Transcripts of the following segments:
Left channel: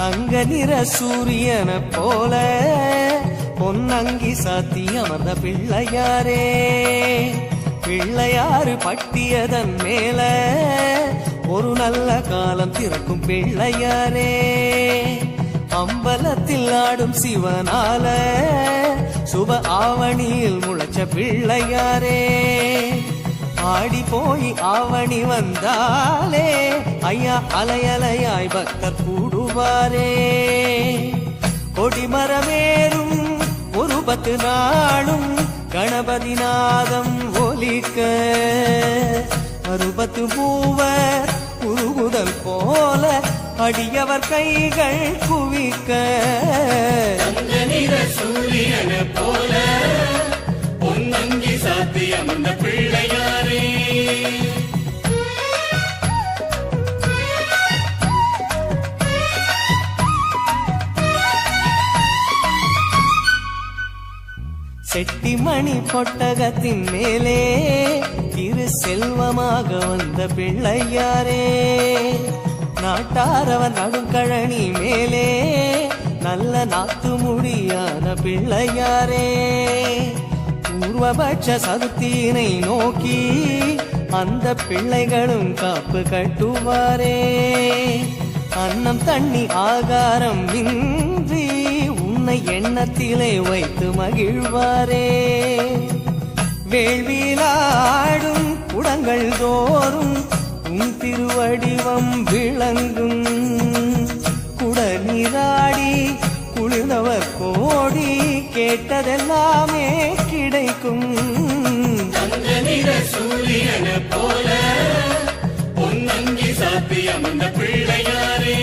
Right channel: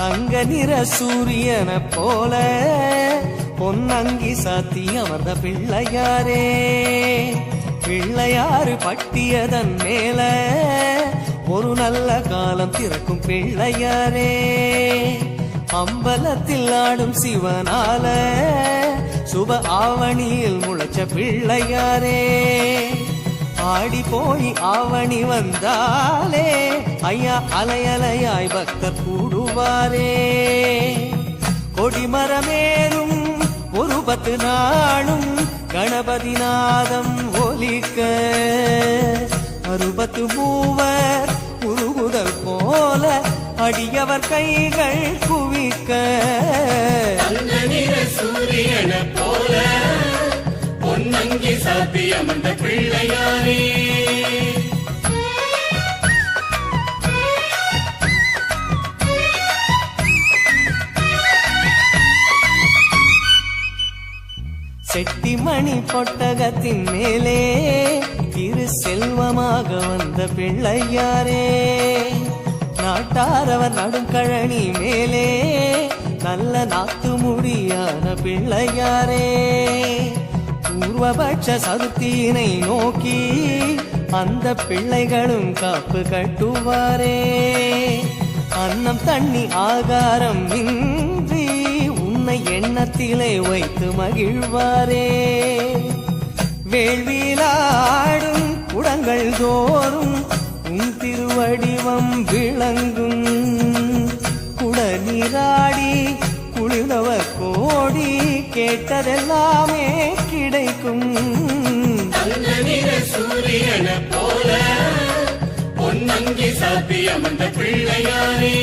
தங்க நிற சூரியன போல பொன்னங்கி சாத்தி அமர்ந்த பிள்ளையாரே, பிள்ளையாறு பட்டியதன் மேல ஒரு நல்ல காலம் திறக்கும் பிள்ளையாரே, அம்பலத்தில் ஆடும் சிவனால சுப ஆவணியில் முளைச்ச பிள்ளையாரே, ஆடி போய் ஆவணி வந்தாலே ஐயா அலையலையாய் பக்தர் கூடுவாரே, கொடிமரமேறும் ஒரு 10 நாளும் கணபதி நாதம் ஒலிக்க, 60 மூவர் உருகுதல் போல அடியவர் கைகள் குவிக்க, சூரியன போல பொன்னங்கி சாத்தியம் அந்த பிள்ளையாரே. செட்டிமணி பொட்டகத்தின் மேலே திரு செல்வமாக வந்த பிள்ளையாரே, நாட்டாரவர் நடும் கழனி மேலே நல்ல நாத்து முடியான பிள்ளையாரே, பூர்வபட்ச சதுர்த்தியினை நோக்கி அந்த பிள்ளைகளும் காப்பு கட்டுவாரே, அன்னம் தண்ணி ஆகாரம் இன்றி உன்னை எண்ணத்திலே வைத்து மகிழ்வாரே, வேள்வியிலாடும் குடங்கள் தோறும் உன் திருவடிவம் விளங்கும், குடநீராடி குளிர்ந்தவர் கோடி கேட்டதெல்லாமே கிடைக்கும், சூரியன போல பொன்னங்கி சாத்தியம் அந்த பிள்ளையாரே.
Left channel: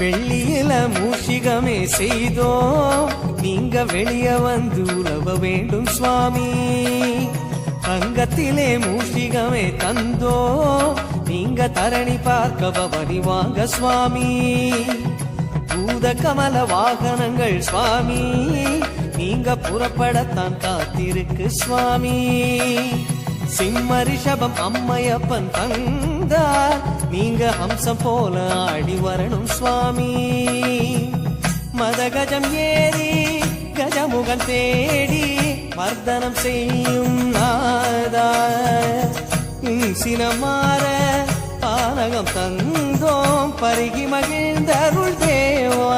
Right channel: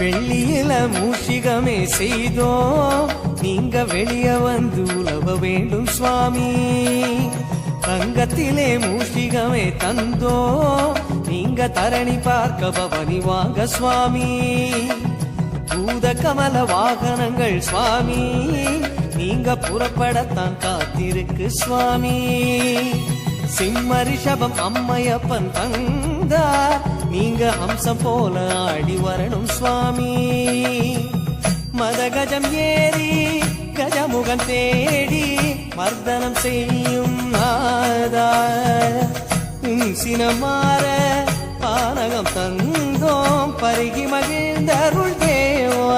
வெள்ளியில மூஷிகமே செய்தோம் நீங்க வெளிய வந்து உலவ வேண்டும் சுவாமி, தங்கத்திலே மூஷிகமே தந்தோம் நீங்க தரணி பார்க்க பவனி வாங்க சுவாமி, பூத கமல வாகனங்கள் சுவாமி நீங்க புறப்படத்தான் காத்திருக்கு சுவாமி, சிம்ம ரிஷபம் அம்மையப்பன் தந்தார் நீங்க ஹம்சம் போல ஆடி வரணும் சுவாமி, மதகஜம் ஏறி கஜமுகன் தேடி மர்தனம் செய்யும் நாதா, சினமாற பானகம் தந்தோம் பருகி மகிழ்ந்தருள் தேவா.